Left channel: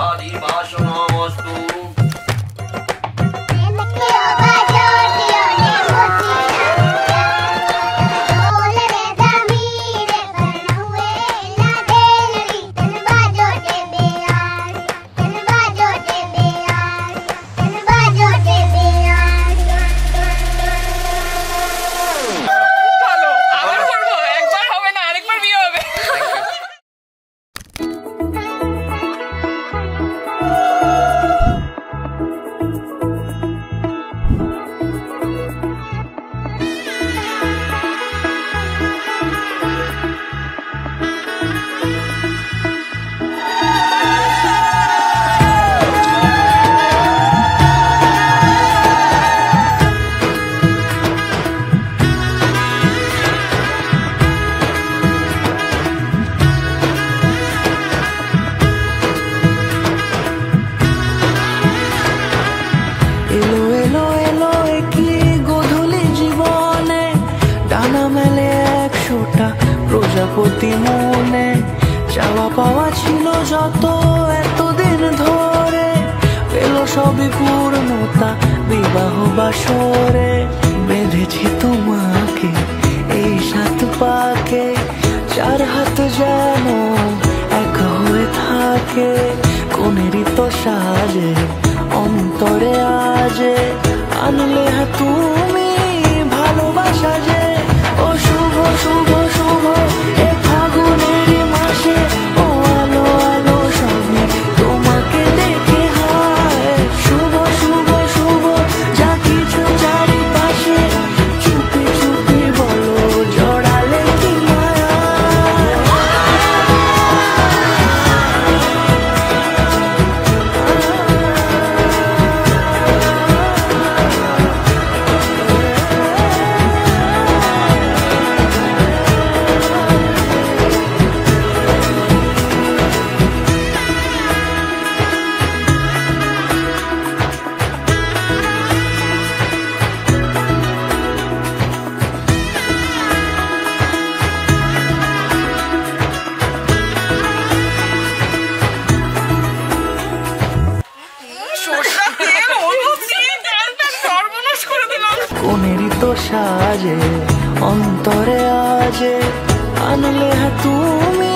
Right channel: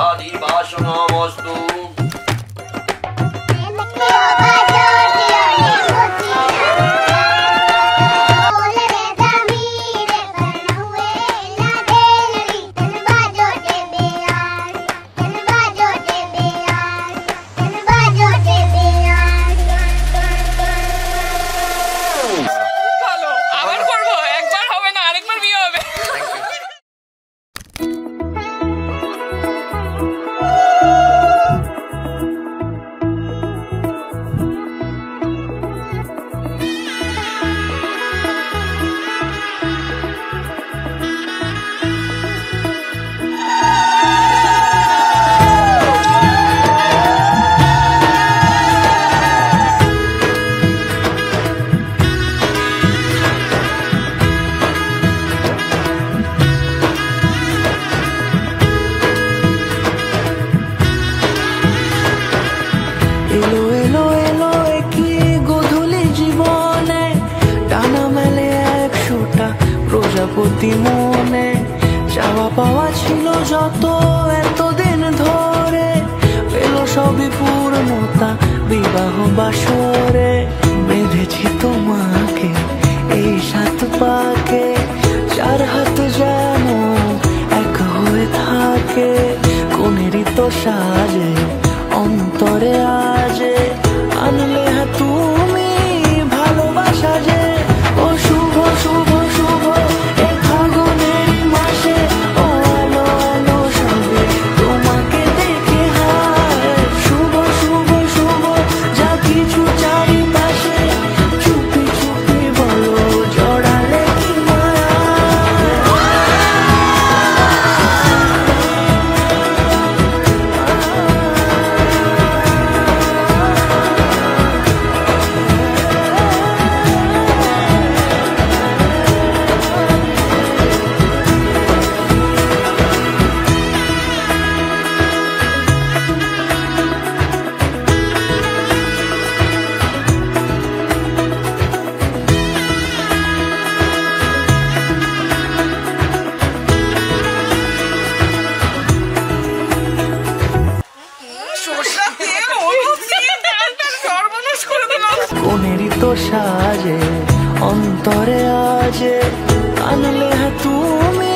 ভারী বাসনমস্তু। এলো এলো এলো একই গোধূলি জীবনে, ডানা মেলে 100টা প্রজাপতি মনে। চাওয়া পাওয়া ছিল যত এতদিন ধরে, পেল সবই পূর্ণতা বিবাহ বাসরে। বেঁধেছি তোমাকে এই 7 পাকে, 4 হাত যেন এক হয়ে থাকে। কোনেরই তো সাজে অন্তরে আজে, আনলে তুমি ভালোবাসা যে। ও শুভ শুভ শুভ এ ফাগুনেরই মাসে, ও আলো আলো সবে তোমাকে দেখে হায়। শুভ শুভ শুভ যা কিছু চারিপাশে, চুপি চুপি বলো জড়ালে কি মায়া। কোনেরই তো সাজে অন্তরে আজে, আনলে তুমি